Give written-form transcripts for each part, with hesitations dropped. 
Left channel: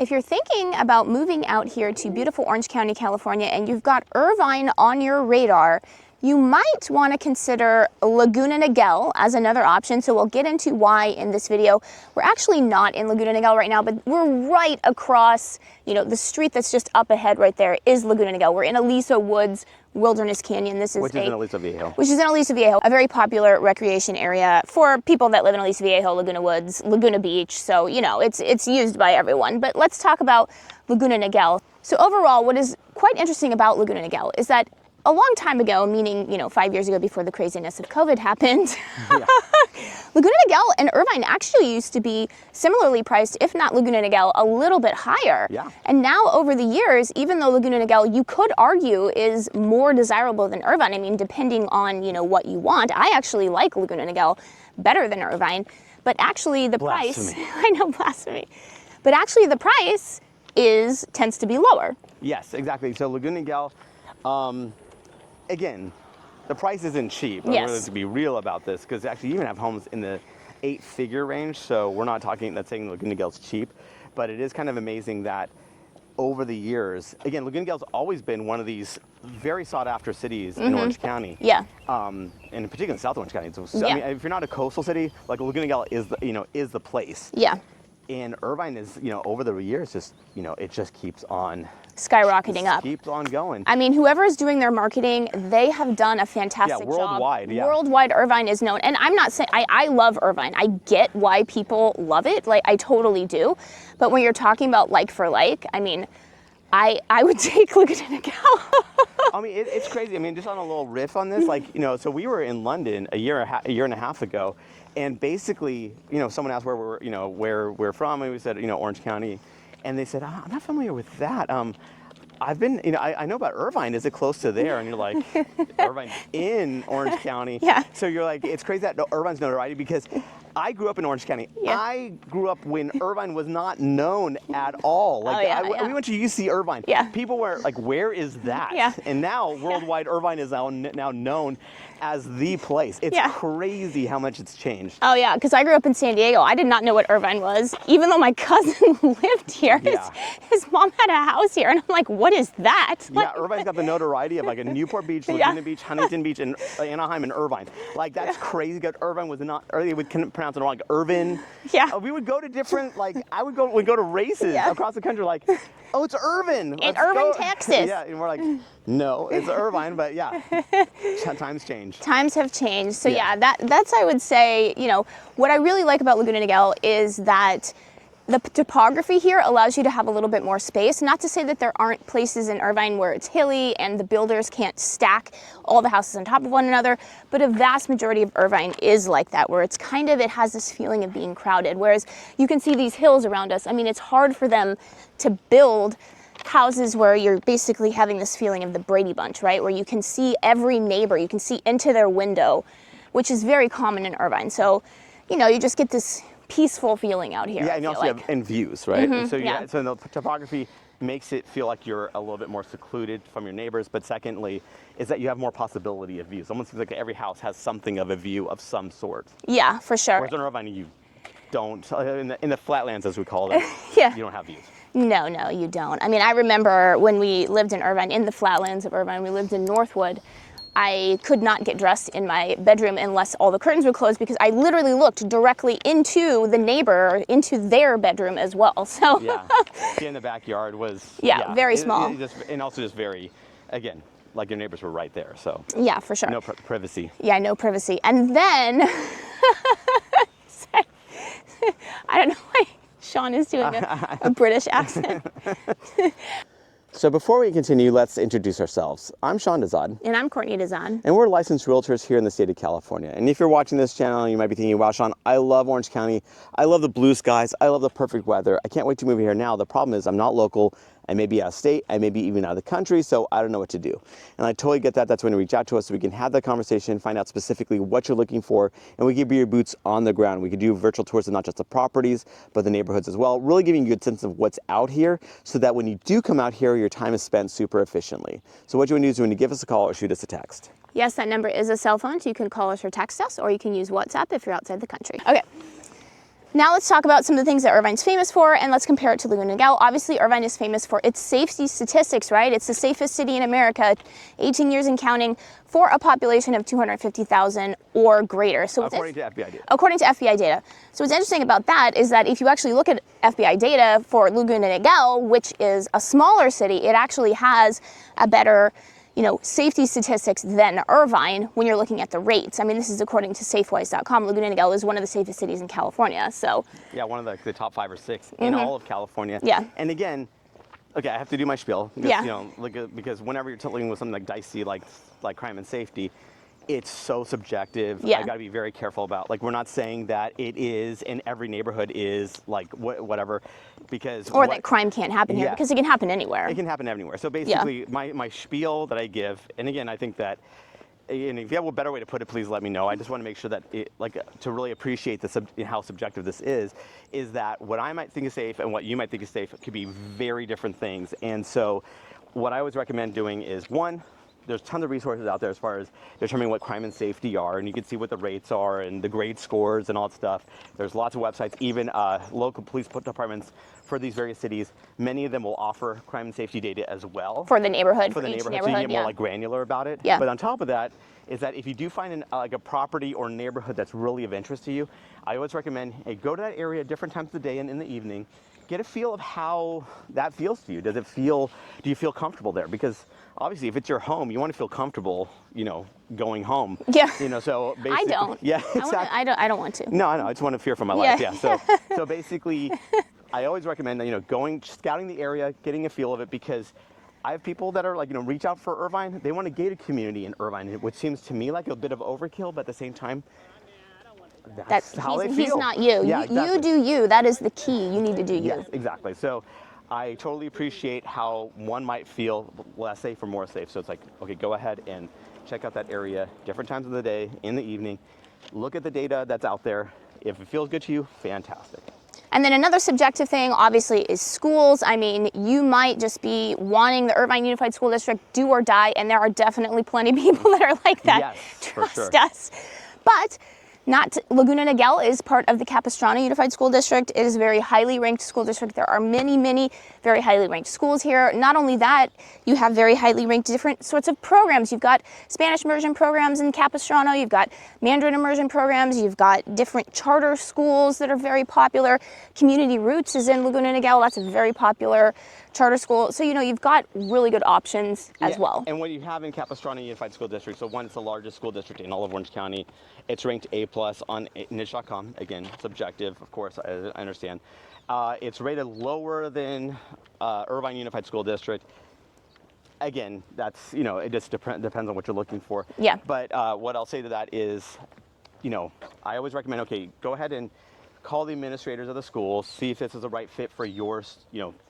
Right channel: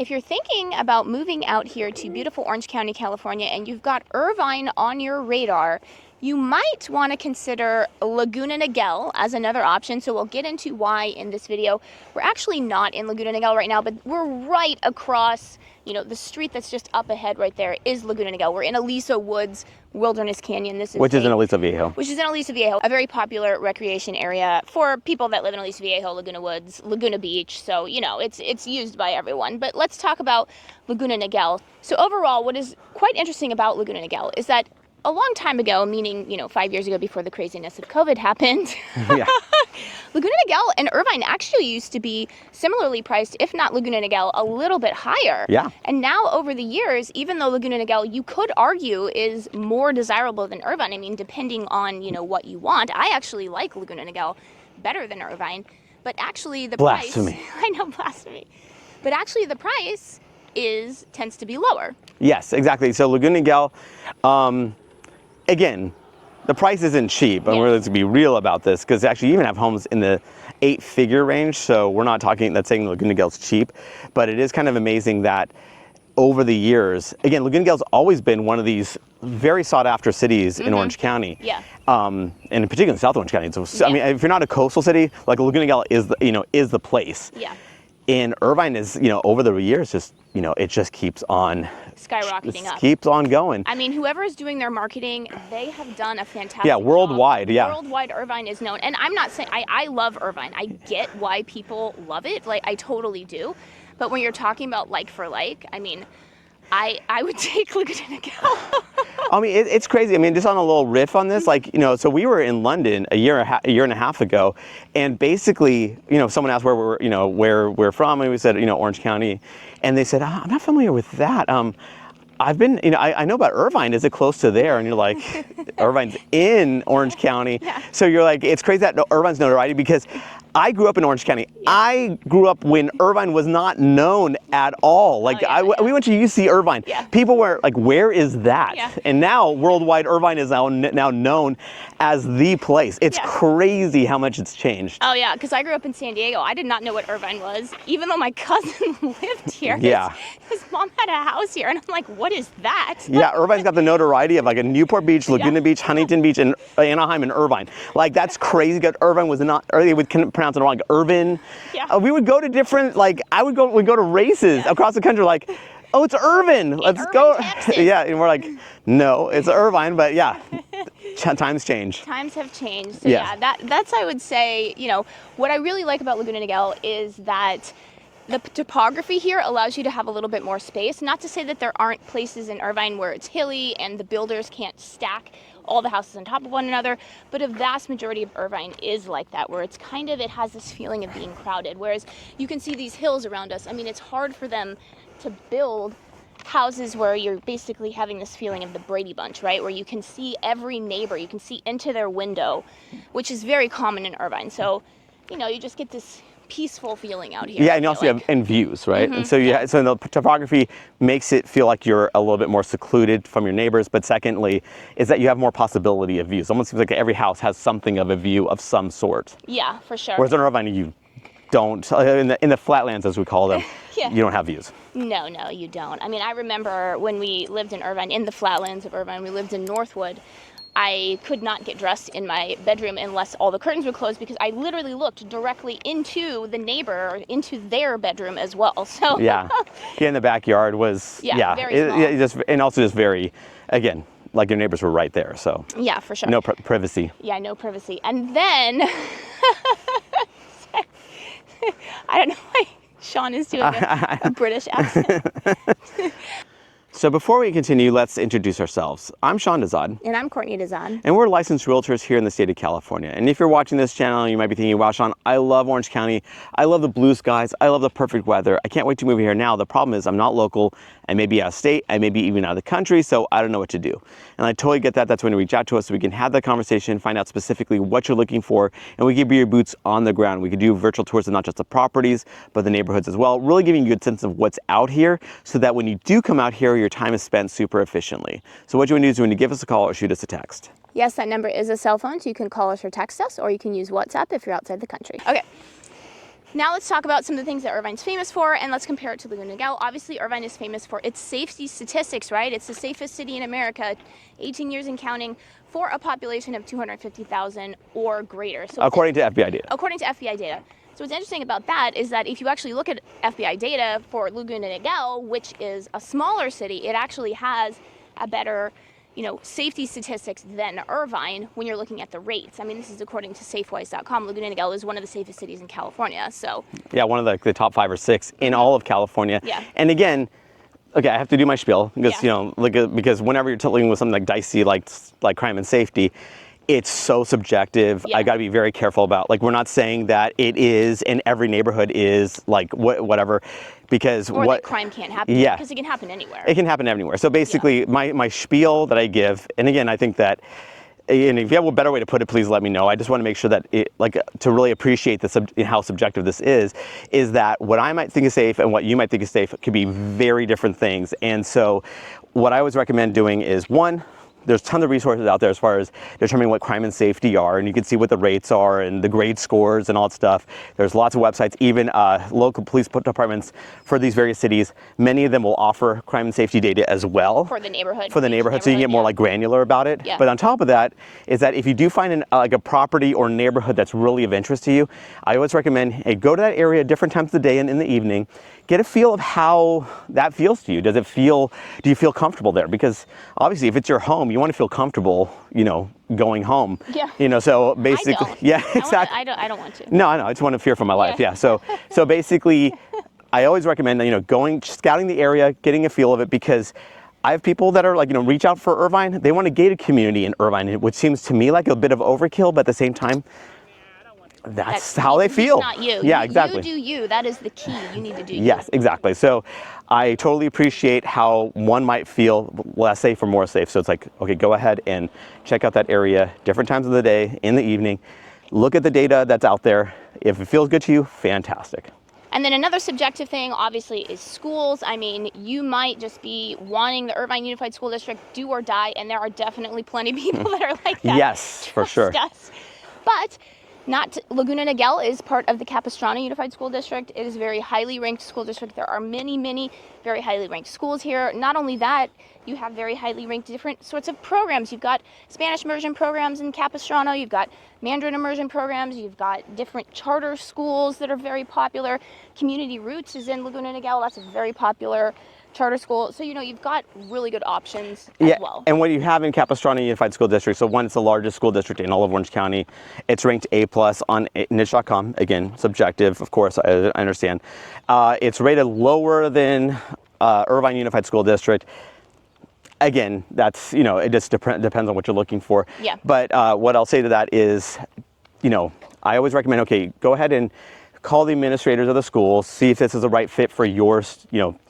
If you're thinking about moving out here to beautiful Orange County, California, and you've got Irvine on your radar, you might want to consider Laguna Niguel as another option. So we'll get into why in this video. We're actually not in Laguna Niguel right now, but we're right across, the street that's just up ahead right there is Laguna Niguel. We're in Aliso Woods Wilderness Canyon. Which is in Aliso Viejo. Which is in Aliso Viejo, a very popular recreation area for people that live in Aliso Viejo, Laguna Woods, Laguna Beach. So, it's used by everyone. But let's talk about Laguna Niguel. So overall, what is quite interesting about Laguna Niguel is that a long time ago, meaning, 5 years ago before the craziness of COVID happened, yeah. Laguna Niguel and Irvine actually used to be similarly priced, if not Laguna Niguel, a little bit higher. Yeah. And now over the years, even though Laguna Niguel, you could argue, is more desirable than Irvine, I mean, depending on, what you want. I actually like Laguna Niguel better than Irvine, but actually the blasphemy. Price, I know, blasphemy, but actually the price tends to be lower. Yes, exactly. So Laguna Niguel, again, the price isn't cheap. Yes. We're going to be real about this because actually you even have homes in the 8-figure range. So we're not saying Laguna Niguel's cheap, but it is kind of amazing that over the years, again, Laguna Niguel's always been one of these very sought after cities in Orange County. Yeah. And in particular in South Orange County. So, yeah. I mean, if you're not a coastal city, like Laguna Niguel is the place. Yeah. And Irvine is, over the years, it just keeps on skyrocketing up. Keeps on going. I mean, whoever is doing their marketing, they have done a fantastic job. Worldwide, yeah. Worldwide, Irvine is known. And I'm not saying, I love Irvine. I get why people love it. Like, I totally do. But when you're talking about like for like, I mean, I would take Laguna Niguel. I mean, it's crazy. I mean, just on a little riff on this, so we were in London a year and a half ago, and basically, someone asked where we're from, and we said, Orange County, and they said, I'm not familiar with that. I've been, I know about Irvine. Is it close to there? And you're like, Irvine's in Orange County. Yeah. So you're like, it's crazy that Irvine's notoriety because I grew up in Orange County. Yeah. I grew up when Irvine was not known at all. Like, we went to UC Irvine. Yeah. People were like, where is that? Yeah. And now worldwide, Irvine is now known as the place. It's crazy how much it's changed. Oh yeah, because I grew up in San Diego. I did not know what Irvine was, even though my cousin lived here. Yeah. His mom had a house here, and I'm like, what is that? Yeah, Irvine's got the notoriety of like a Newport Beach, Laguna Beach, Huntington Beach, and Anaheim and Irvine. Like, that's crazy. Because Irvine was not, or they would pronounce it wrong, like Irvin. Yeah. We would go to different, we'd go to races across the country, like, oh, it's Irvine. Let's go. Texas. Yeah, and we're like, no, it's Irvine, but yeah, times change. Times have changed. So yeah, that's, I would say, what I really like about Laguna Niguel is that the topography here allows you to have a little bit more space. Not to say that there aren't places in Irvine where it's hilly and the builders can't stack all the houses on top of one another, but a vast majority of Irvine is like that, where it's it has this feeling of being crowded. Whereas you can see these hills around us. I mean, it's hard for them to build houses where you're basically having this feeling of the Brady Bunch, right? Where you can see every neighbor, you can see into their window, which is very common in Irvine. So, you just get this peaceful feeling out here. Yeah, and you also have views, right? And so so the topography makes it feel like you're a little bit more secluded from your neighbors. But secondly, is that you have more possibility of views. Almost seems like every house has something of a view of some sort. Yeah, for sure. Whereas in Irvine, you don't, in the flatlands as we call them, you don't have views. No, you don't. I mean, I remember when we lived in Irvine, in the flatlands of Irvine, we lived in Northwood. I could not get dressed in my bedroom unless all the curtains were closed, because I literally looked directly into the neighbor, into their bedroom as well. So yeah, in the backyard was very small, and also just very, again, like your neighbors were right there. So yeah, for sure, no privacy. Yeah, no privacy. And then I don't know why Sean is doing a British accent. So before we continue, let's introduce ourselves. I'm Sean Dazad. And I'm Courtney Dazad. And we're licensed realtors here in the state of California. And if you're watching this channel, you might be thinking, wow, Sean, I love Orange County. I love the blue skies. I love the perfect weather. I can't wait to move here now. The problem is I'm not local. I may be out of state. I may be even out of the country. So I don't know what to do. And I totally get that. That's when you reach out to us so we can have that conversation, find out specifically what you're looking for, and we can be your boots on the ground. We can do virtual tours of not just the properties, but the neighborhoods as well, really giving you a good sense of what's out here so that when you do come out here, your time is spent super efficiently. So what you want to do is you want to give us a call or shoot us a text. Yes, that number is a cell phone, so you can call us or text us, or you can use WhatsApp if you're outside the country. Okay. Now let's talk about some of the things that Irvine's famous for, and let's compare it to Laguna Niguel. Obviously, Irvine is famous for its safety statistics, right? It's the safest city in America, 18 years and counting, for a population of 250,000 or greater. So according to FBI data. According to FBI data. So what's interesting about that is that if you actually look at FBI data for Laguna Niguel, which is a smaller city, it actually has a better, safety statistics than Irvine when you're looking at the rates. I mean, this is according to safewise.com. Laguna Niguel is one of the safest cities in California. So yeah, one of the top 5 or 6 in all of California. Yeah. And again, okay, I have to do my spiel because Yeah. because whenever you're dealing with something like dicey, like crime and safety, it's so subjective. Yeah. I got to be very careful about, we're not saying that it is in every neighborhood is whatever, because or that crime can't happen here, because it can happen anywhere. It can happen anywhere. So basically, my spiel that I give, and again, I think that, and if you have a better way to put it, please let me know. I just want to make sure that to really appreciate how subjective this is that what I might think is safe and what you might think is safe could be very different things. And so what I always recommend doing is, one, there's tons of resources out there as far as determining what crime and safety are, and you can see what the rates are and the grade scores and all that stuff. There's lots of websites, even local police departments for these various cities. Many of them will offer crime and safety data as well. For the neighborhood. For the neighborhood, so you can get more granular about it. Yeah. But on top of that is that if you do find a property or neighborhood that's really of interest to you, I always recommend, hey, go to that area different times of the day and in the evening. Get a feel of how that feels to you. Do you feel comfortable there? Because obviously if it's your home, you want to feel comfortable, going home. Yeah. So basically, I don't. yeah, exactly. I don't want to. No, I know. I just want to fear for my life. Yeah. So basically, I always recommend, going, scouting the area, getting a feel of it, because I have people that are reach out for Irvine. They want a gated community in Irvine, which seems to me like a bit of overkill, but at the same time, that's how they feel. He's not you. Yeah, exactly. You do you. That is the key. You need to do you. Yes, exactly. So I totally appreciate how one might feel less safe or more safe. So it's like, okay, go ahead and check out that area, different times of the day, in the evening. Look at the data that's out there. If it feels good to you, fantastic. And then another subjective thing, obviously, is schools. I mean, you might just be wanting the Irvine Unified School District, do or die, and there are definitely plenty of people that are like that. Yes, for sure. Us. But Laguna Niguel is part of the Capistrano Unified School District. It is a very highly ranked school district. There are many, many very highly ranked schools here. Not only that, you have very highly ranked different sorts of programs. You've got Spanish immersion programs in Capistrano. You've got Mandarin immersion programs. You've got different charter schools that are very popular. Community Roots is in Laguna Niguel. That's a very popular charter school. So, you've got really good options as well. And what you have in Capistrano Unified School District, so one, it's the largest school district in all of Orange County. It's ranked A+ on niche.com. Again, subjective, of course, I understand. It's rated lower than Irvine Unified School District. Again, that's, it just depends on what you're looking for. Yeah. But what I'll say to that is, I always recommend, okay, go ahead and call the administrators of the school, see if this is the right fit for your,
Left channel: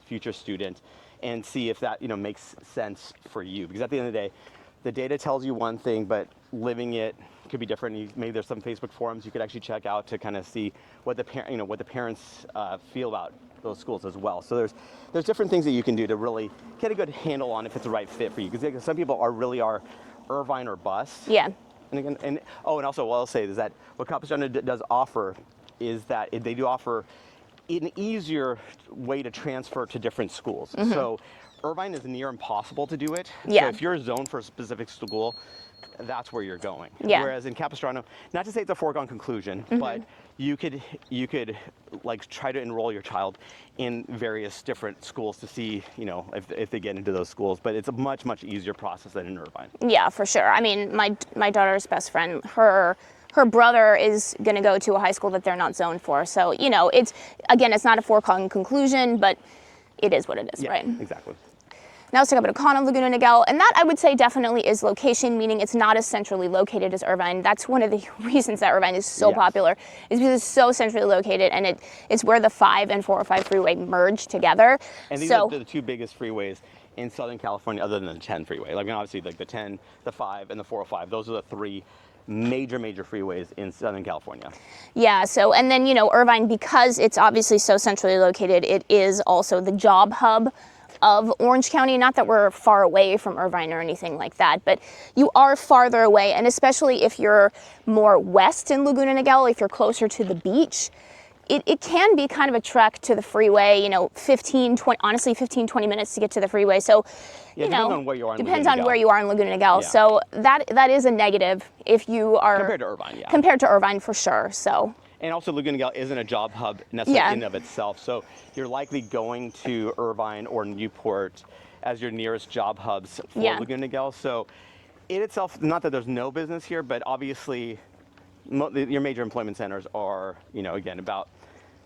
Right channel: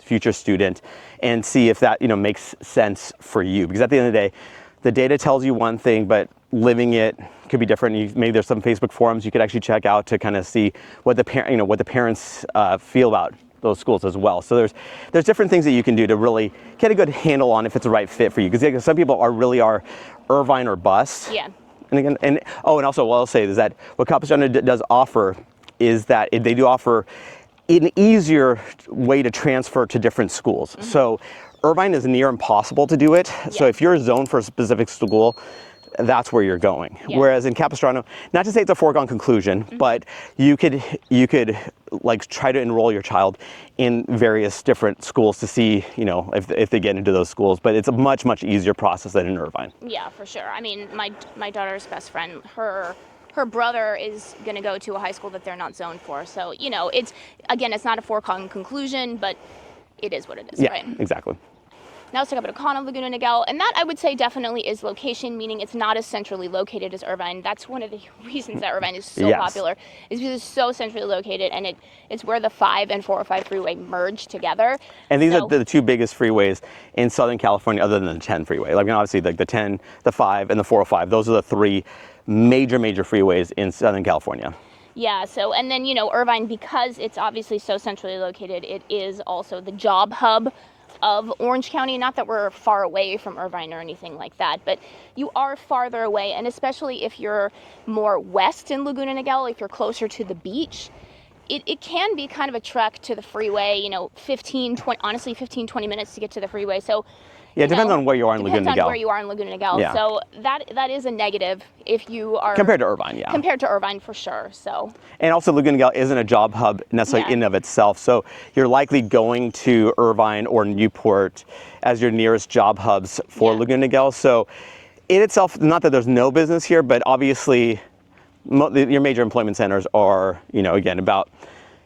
future student, and see if that, makes sense for you. Because at the end of the day, the data tells you one thing, but living it could be different. Maybe there's some Facebook forums you could actually check out to kind of see what the parents feel about those schools as well. So there's different things that you can do to really get a good handle on if it's the right fit for you. Because some people really are Irvine or bust. Yeah. And again, and also what I'll say is that what Capistrano does offer is that they do offer an easier way to transfer to different schools. Mm-hmm. So Irvine is near impossible to do it. Yeah. So if you're zoned for a specific school, that's where you're going. Yeah. Whereas in Capistrano, not to say it's a foregone conclusion, but you could try to enroll your child in various different schools to see, if they get into those schools. But it's a much, much easier process than in Irvine. Yeah, for sure. I mean, my daughter's best friend, her brother is going to go to a high school that they're not zoned for. So, it's not a foregone conclusion, but it is what it is, right? Exactly. Now let's talk about a con of Laguna Niguel, and that I would say definitely is location, meaning it's not as centrally located as Irvine. That's one of the reasons that Irvine is so popular, is because it's so centrally located, and it's where the 5 and 405 freeway merge together. And these are the two biggest freeways in Southern California, other than the 10 freeway. Obviously, the 10, the 5, and the 405. Those are the three major freeways in Southern California. Yeah, so, and then, Irvine, because it's obviously so centrally located, it is also the job hub of Orange County. Not that we're far away from Irvine or anything like that, but you are farther away, and especially if you're more west in Laguna Niguel, if you're closer to the beach, it can be kind of a trek to the freeway, 15, 20, honestly 15, 20 minutes to get to the freeway. So yeah, it depends on where you are in Laguna Niguel. Depends on where you are in Laguna Niguel. Yeah. So that is a negative if you are... Compared to Irvine, yeah. Compared to Irvine, for sure, so... And also Laguna Niguel isn't a job hub necessarily in of itself, so you're likely going to Irvine or Newport as your nearest job hubs for Laguna Niguel. So in itself, not that there's no business here, but obviously your major employment centers are, again, about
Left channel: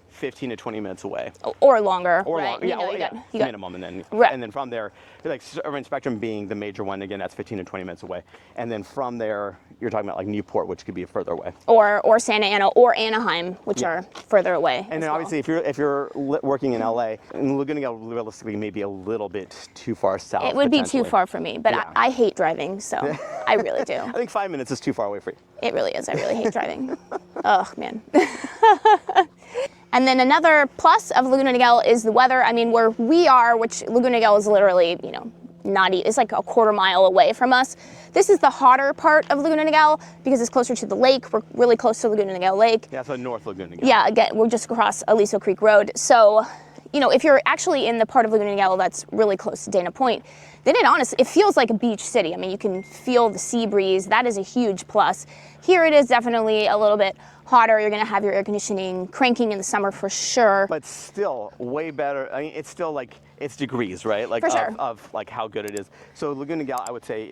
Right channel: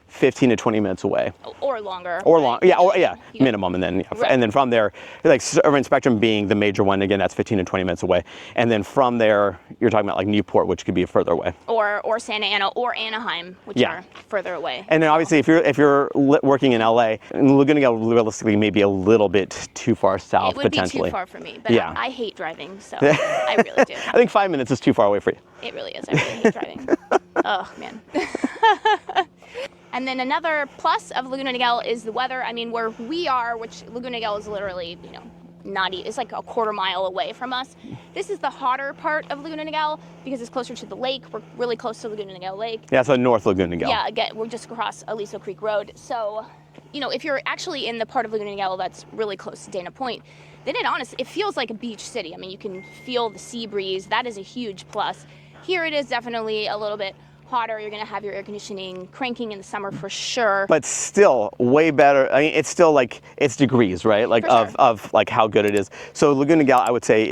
15 to 20 minutes away, or longer, or right? longer, minimum, and then from there, like Irvine Spectrum being the major one, again, that's 15 to 20 minutes away, and then from there, you're talking about like Newport, which could be further away, or Santa Ana or Anaheim, which are further away. And then obviously, if you're working in LA, Laguna Niguel realistically may be a little bit too far south. It would be too far for me, but I hate driving, so I really do. I think 5 minutes is too far away for you. It really is. I really hate driving. Oh man. And then another plus of Laguna Niguel is the weather. I mean, where we are, which Laguna Niguel is literally, it's like a quarter mile away from us. This is the hotter part of Laguna Niguel because it's closer to the lake. We're really close to Laguna Niguel Lake. Yeah, so North Laguna Niguel. Yeah, again, we're just across Aliso Creek Road. So, if you're actually in the part of Laguna Niguel that's really close to Dana Point, then it feels like a beach city. I mean, you can feel the sea breeze. That is a huge plus. Here it is definitely a little bit hotter. You're gonna have your air conditioning cranking in the summer for sure. But still way better. I mean, it's still like, it's degrees, right? Like of like how good it is. So Laguna Niguel, I would say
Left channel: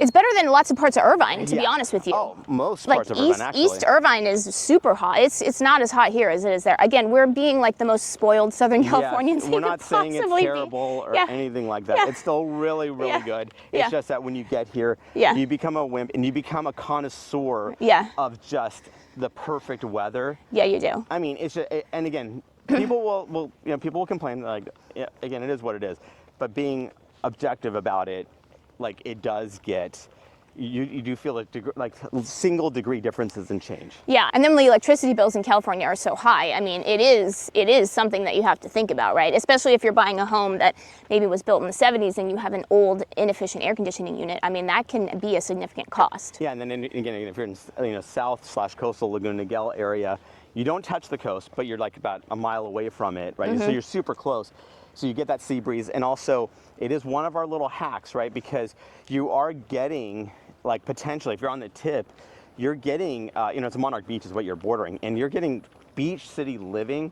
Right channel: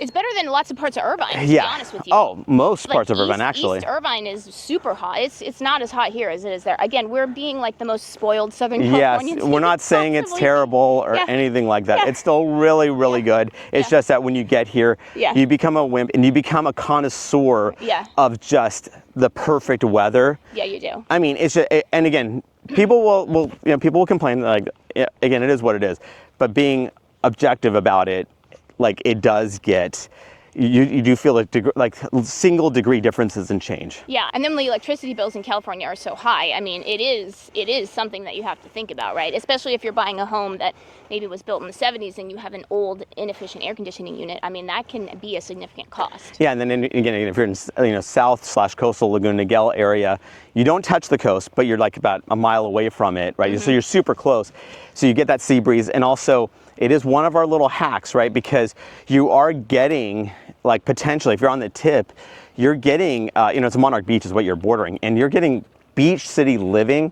it's better than lots of parts of Irvine, to be honest with you. Oh, most parts of Irvine, actually. East Irvine is super hot. It's not as hot here as it is there. Again, we're being like the most spoiled Southern Californians. Yes, we're not saying it's terrible or anything like that. It's still really, really good. It's just that when you get here, you become a wimp and you become a connoisseur of just the perfect weather. Yeah, you do. I mean, it's just, and again, people will people will complain, like, again, it is what it is. But being objective about it, like, it does get, you do feel like single degree differences in change. Yeah, and then the electricity bills in California are so high. I mean, it is something that you have to think about, right? Especially if you're buying a home that maybe was built in the 70s and you have an old, inefficient air conditioning unit. I mean, that can be a significant cost. Yeah, and then again, if you're in south/coastal Laguna Niguel area, you don't touch the coast, but you're like about a mile away from it, right? Mm-hmm. So you're super close. So you get that sea breeze, and also it is one of our little hacks, right? Because you are getting, like, potentially, if you're on the tip, you're getting, it's Monarch Beach is what you're bordering, and you're getting beach city living,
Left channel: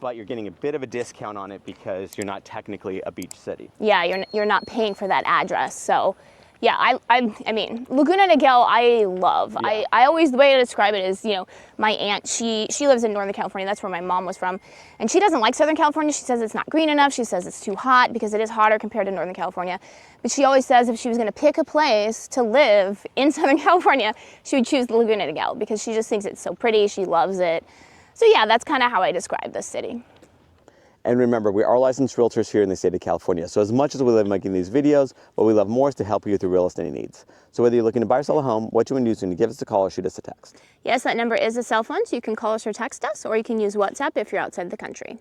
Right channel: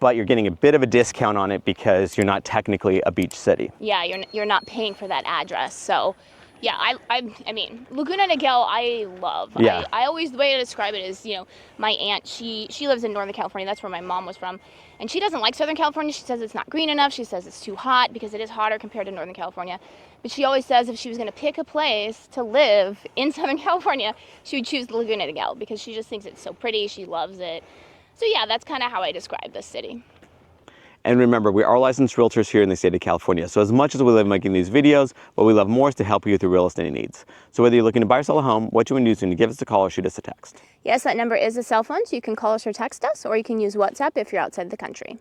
but you're getting a bit of a discount on it because you're not technically a beach city. Yeah, you're not paying for that address. So, yeah, I mean, Laguna Niguel, I love. Yeah. I always, the way I describe it is, my aunt, she lives in Northern California. That's where my mom was from. And she doesn't like Southern California. She says it's not green enough. She says it's too hot because it is hotter compared to Northern California. But she always says if she was going to pick a place to live in Southern California, she would choose Laguna Niguel because she just thinks it's so pretty. She loves it. So yeah, that's kind of how I describe this city. And remember, we are licensed realtors here in the state of California. So as much as we love making these videos, what we love more is to help you with your real estate needs. So whether you're looking to buy or sell a home, what you want to do is give us a call or shoot us a text. Yes, that number is a cell phone, so you can call us or text us, or you can use WhatsApp if you're outside the country.